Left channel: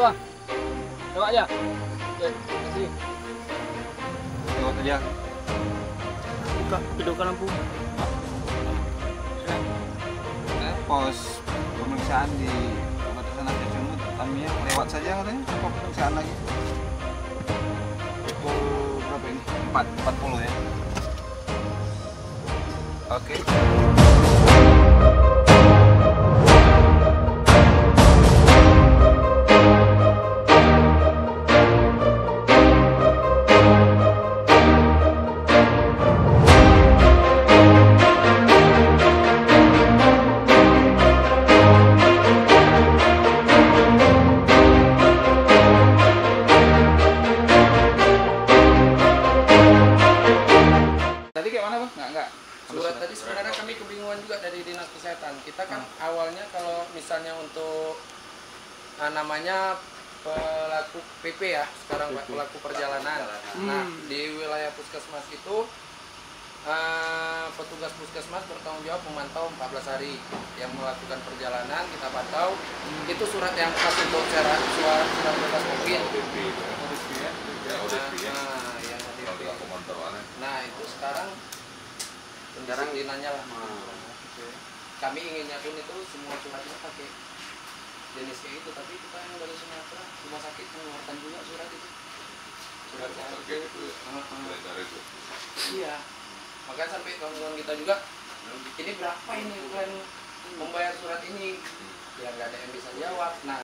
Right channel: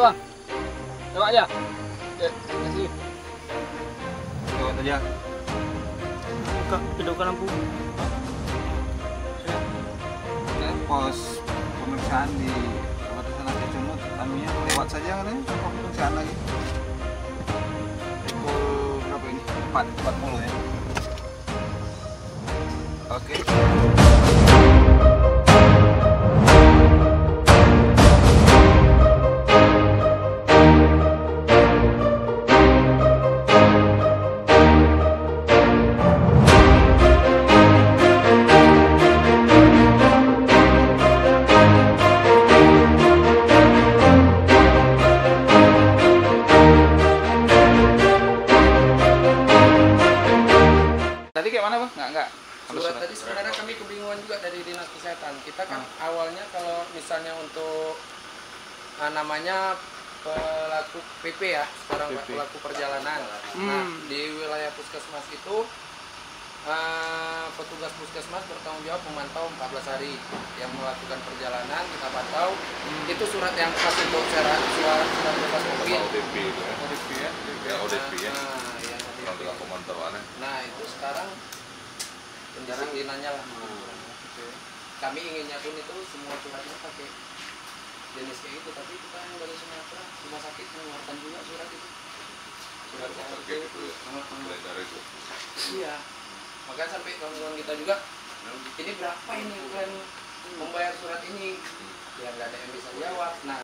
bang. Coba aja. Oke, kasih. Lewat aja. Buka, hidupkan lampu. Pos pemeriksaan di perbatasan Aceh Cunut, Tamiang lewat saja katanya. Apa pemeriksaan lagi? Pukul berapa ini? 4.40 ya. Oke. Tadi kayak mana bang? Enggak. Surat tadi sebenarnya kami kebingungan juga dari Dinas Kesehatan. Kita kan awalnya kalau misalnya untuk namanya pelaku PP ya, sekarang pelaku perjalanan. Nah, di wilayah puskesmas itu petugas puskesmas bertanggung jawab memantau 14 hari yang melakukan perjalanan, kita pantau. Itu surat yang khas untuk surat bebas COVID. ODP itu ya. ODP ya? Ya, ODP ya. Yang ODP. Untuk pemantauannya. Nah, itu sekarang penjarang dinanya lah. Kami inginnya pun itu semua suratnya pakai jenis kayak itu, tapi kita yang dari Sumatera rumah sakit mengeluarkan juga surat itu. Surat yang Terkait itu ya. Beredar itu. Iya. Makanya sampai kawan-kawan kita juga, ini berapa ini kalian membayar surat ini? Ya nggak ada yang bisa jawab. Nah,